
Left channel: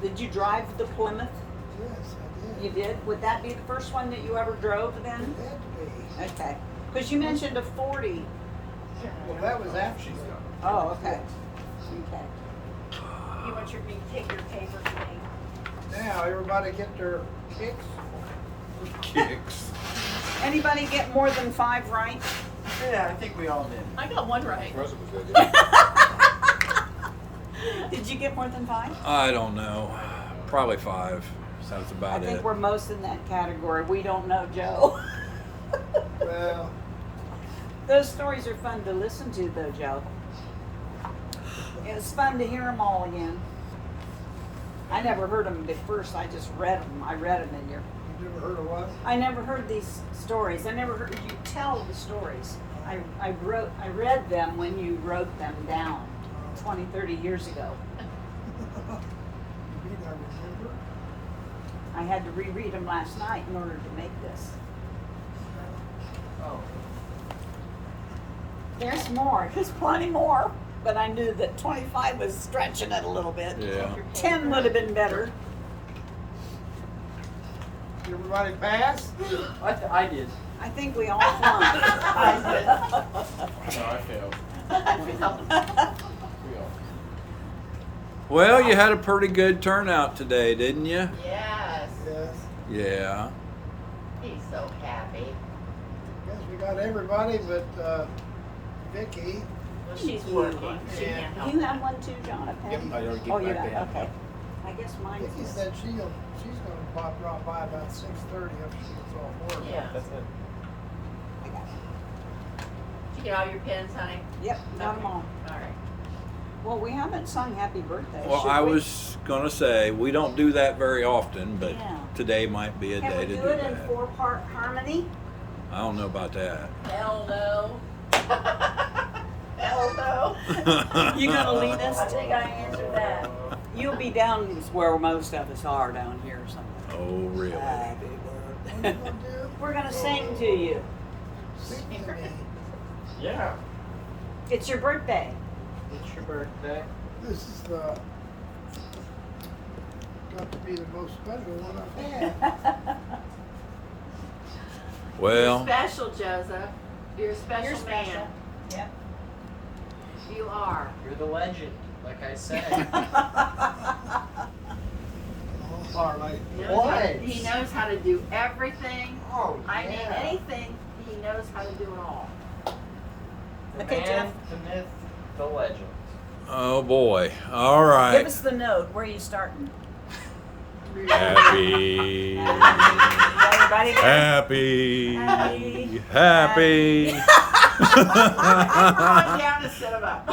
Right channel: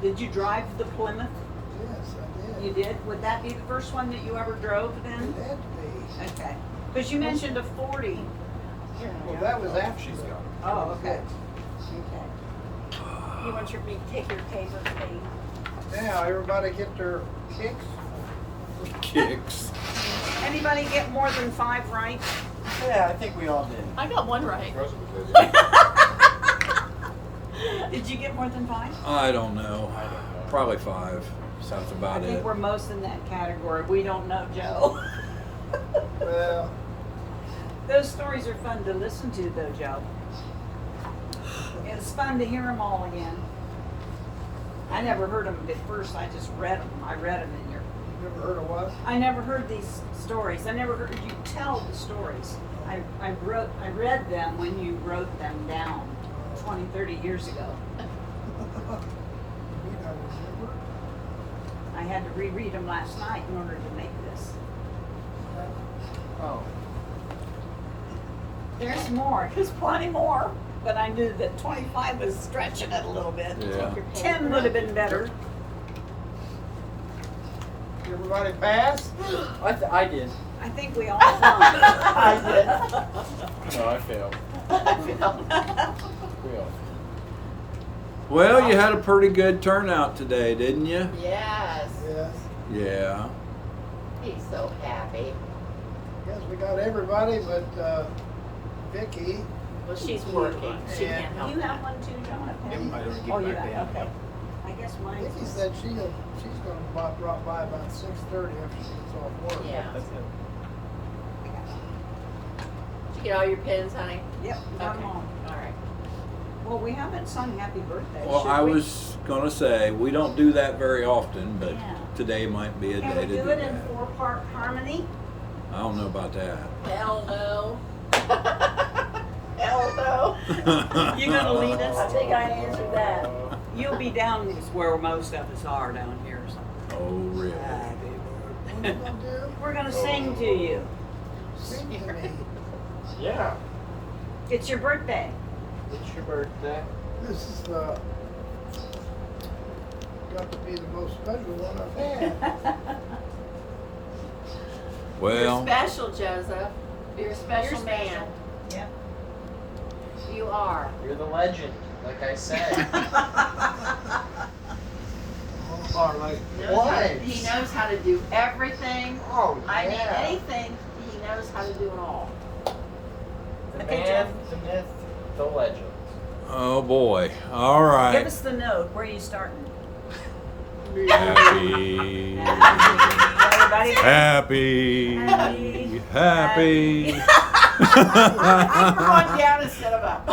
Did you drive the Plymouth? Yes, I did. You did? Would that be the first one that you ever drove It then? had to be. Okay. Because you mentioned a 40. Well, that was after She's the. gone. Oh, okay. Okay. You want me to take your paper today? Now, everybody get their kicks? Kicks. Anybody get more than 5 right? Yeah, I think we all did. I got one right. Russell was good, yeah. Did you get more than 5? I don't know. Probably 5. Sounds I about think it. we're most in that category. We don't know, Joe. Well, Those stories are fun to listen to, though, Joe. It's fun to hear them all again. I never heard them at first. I just read them. I read them in your. you never heard of what? I never heard these stories. I never heard you tell the stories. I read them when you wrote them down 20, 30 years ago. You mean I remember? I had to reread them last night in order to make this. Oh. There's more. There's plenty more. But I knew that 25 was stretching it a little bit. Yeah. 10 would have been better. Everybody pass? I did. I think we all won. I did. No, I failed. Yeah. Well, you had a pretty good turnout today, didn't you? Yes. Yes. Yeah. He's so happy. Guess we got everybody but Vicky. Well, she's working. She And- can't help You it. have one too, Jonathan? Yep, I don't get Oh, you back got, to him. okay. I guess mine's. Vicky said she's gonna drop by about 6:30 after she gets off work. Yeah. That's it. Did you get all your pens, honey? Yep, got them Okay. all. All right. Well, we haven't sung happy birthday. Well, should I we? was gonna say, we don't do that very often, but Yeah. today might be a Can day we to do do it in that. 4-part harmony? I don't know about that. Hell no. Hell no. You gonna lead us? I think I answered that. You'll be down where most of us are down here or something. Oh, really? Happy What are you gonna do? We're gonna sing to you. Sing to me. Yeah. It's your birthday. It's your birthday. This is got to be the most special one I've had. Well, You're special, Joseph. You're a special You're special. man. Yep. You are. You're the legend, like I said. Oh, Harley. What? He knows how to do everything. Oh, I mean, yeah. anything. He knows how to do it all. The Okay, man, Jeff. the myth, the legend. oh boy. All Give right. us the note. Where are you starting? Happy. Everybody. Happy. Happy. Come on down and sit him up.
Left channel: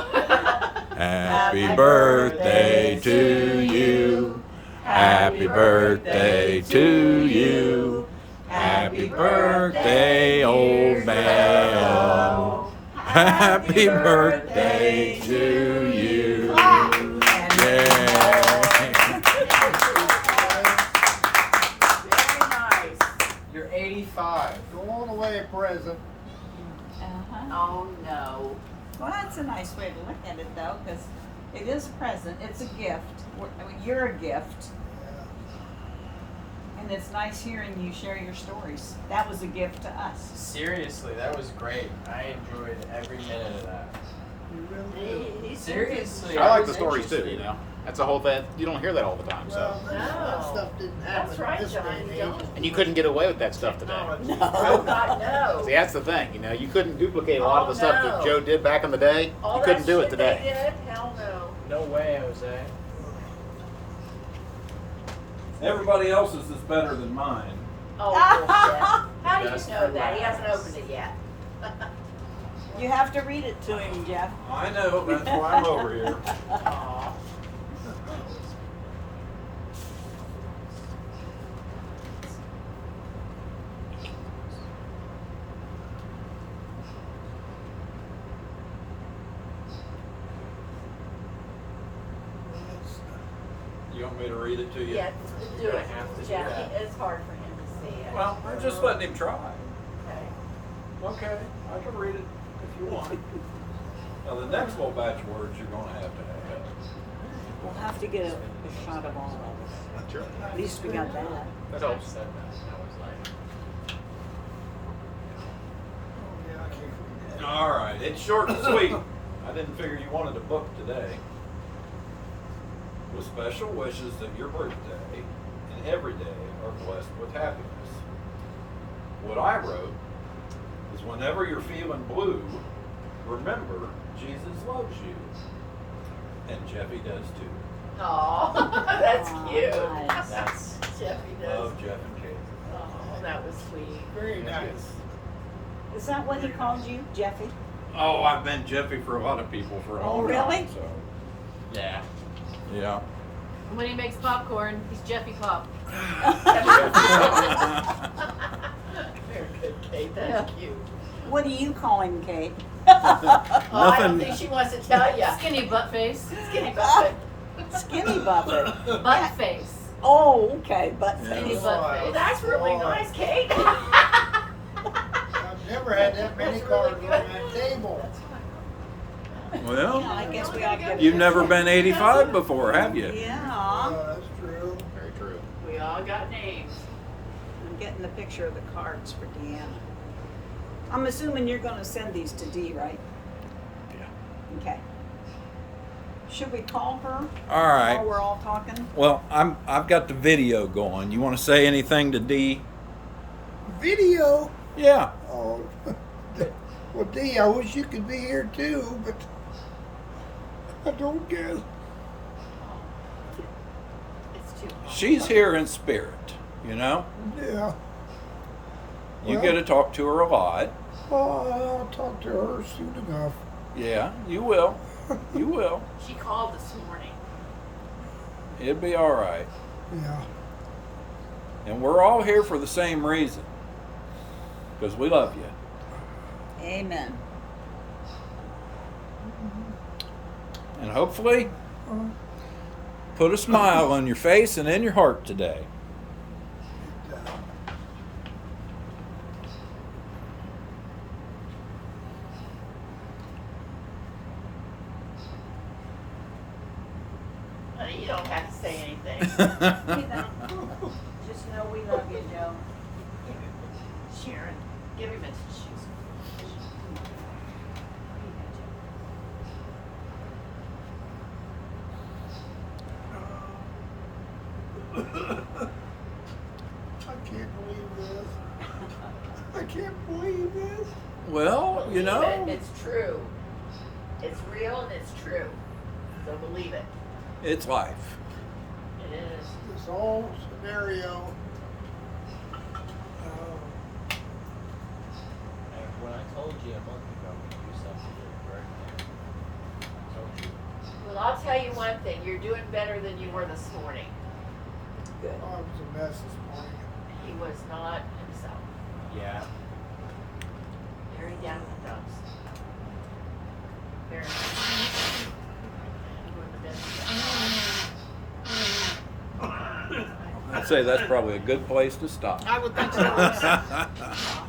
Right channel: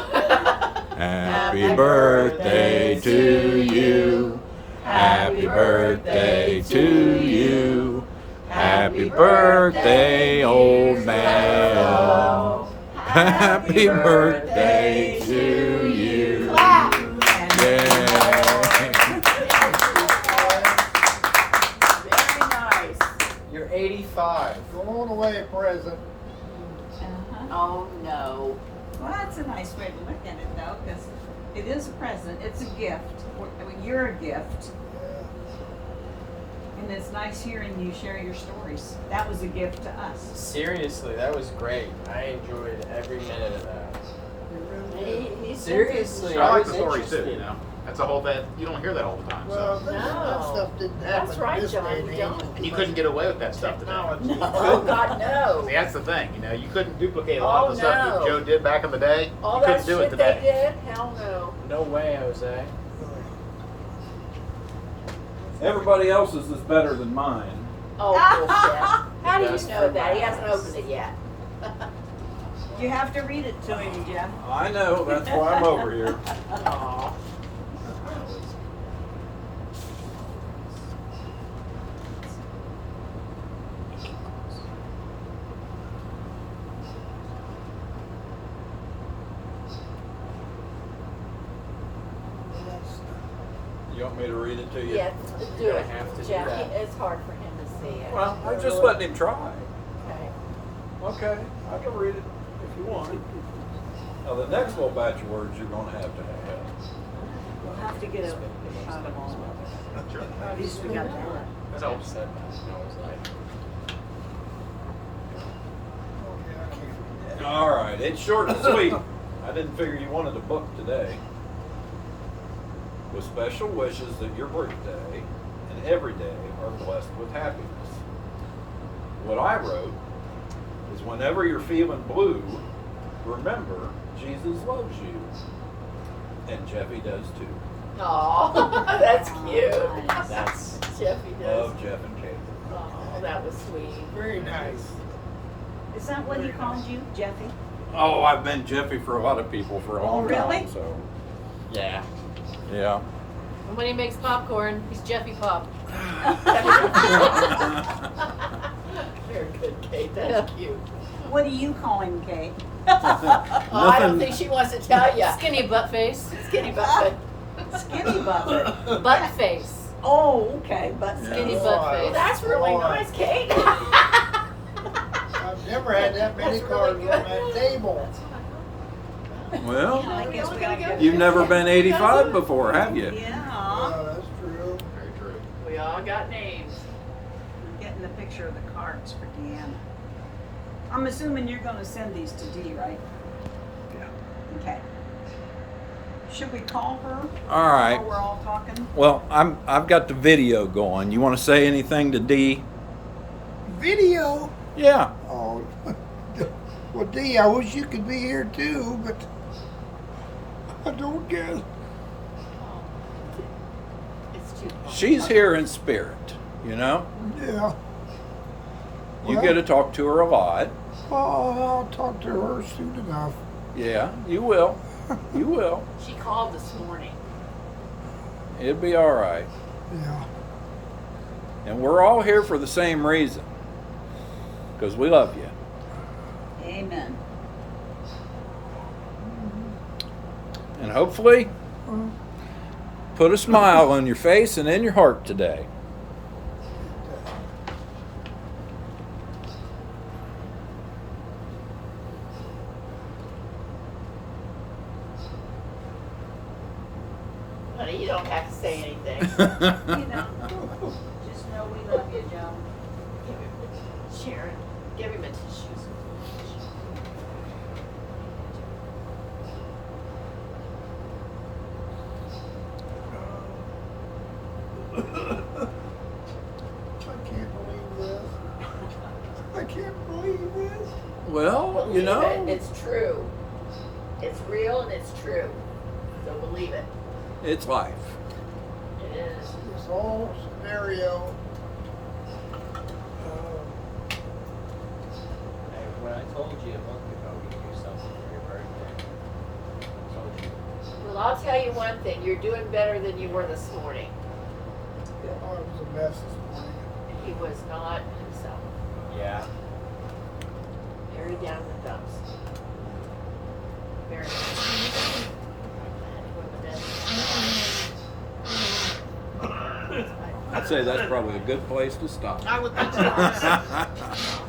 Happy birthday to you. Happy birthday to you. Happy birthday, old man. Happy birthday to you. Yay. Very nice. You're 85. Go on away, present. Uh-huh. Oh, no. Well, that's a nice way to look at it, though, because it is a present. It's a gift. I mean, you're a gift, Yeah. and it's nice hearing you share your stories. That was a gift to us. Seriously, that was great. I enjoyed every minute of that. You really do. He's Seriously, I like was the stories too, interested. you know. That's a whole thing. You don't hear that all the time. Well, So. that stuff didn't happen That's right, in this John, day and you age. don't. And you couldn't get away with that stuff today. Technology. Oh, God, no. See, that's the thing. You know, you couldn't duplicate a lot of the Oh, stuff that no. Joe did back in the day. All You couldn't that do it shit they today. did? Hell no. No way, Jose. Everybody else's is better than mine. Oh, bullshit. How do you know that? He hasn't opened it yet. You have to read it to him, Jeff. I know, that's why I'm over here. Aw. You want me to read it to you? Yeah, do gonna it. have to do Jeff, that. it's hard for him to see it. Well, I'm just letting him try. Okay. Okay, I can read it if you want. Now, the next little batch of words you're gonna have to have. We'll have to get a shot of all of them. At least we got that. Joe said that. That was like. Oh, yeah, I can't read that. All right, it's short and sweet. I didn't figure you wanted a book today. With special wishes that your birthday and every day are blessed with happiness. What I wrote is whenever you're feeling blue, remember Jesus loves you. And Jeffy does too. Aw, that's cute. Nice. That's. Jeffy does. Love Jeff and Kate. Oh, that was sweet. Very nice. Is that what he called you, Jeffy? Oh, I've been Jeffy for a lot of people for a long really? time, so. Yeah. Yeah. When he makes popcorn, he's Jeffy Pop. Very good, Kate. That's cute. What do you call him, Kate? Oh, I don't think Nothing. she wants to tell you. Skinny butt face. Skinny butt. Skinny butter. Butt face. Oh, okay, but Yeah. Skinny Boy, butt face. That's really boy. nice, Kate. I've never had that many cards on that table. Well, I guess we all get. you've never been 85 before, have you? Yeah. Oh, that's true. Very true. We all got names. I'm getting the picture of the cards for Deanna. I'm assuming you're gonna send these to Dee, right? Yeah. Okay. Should we call her? All right. While we're all talking? Well, I've got the video going. You want to say anything to Dee? Video? Yeah. Oh, well, Dee, I wish you could be here too, but I don't guess. It's too. She's here in spirit, you know? Yeah. You Well- get to talk to her a lot. Oh, I'll talk to her soon enough. Yeah, you will. You will. She called this morning. It'll be all right. Yeah. And we're all here for the same reason. Because we love you. Amen. And hopefully, put a smile on your face and in your heart today. Honey, you don't have to say anything. You know, just know we love you, Joe. Sharon, give him a tissues. I can't believe this. I can't believe this. Well, you know, It's true. It's real and it's true. So believe it. it's life. It is. This whole scenario. Hey, when I told you a month ago we could do something for your birthday, I told you. Well, I'll tell you one thing. You're doing better than you were this morning. Oh, it was a mess this morning. He was not himself. Yeah. Very down in the dumps. Very I'd say that's probably a good place to stop. I would think so.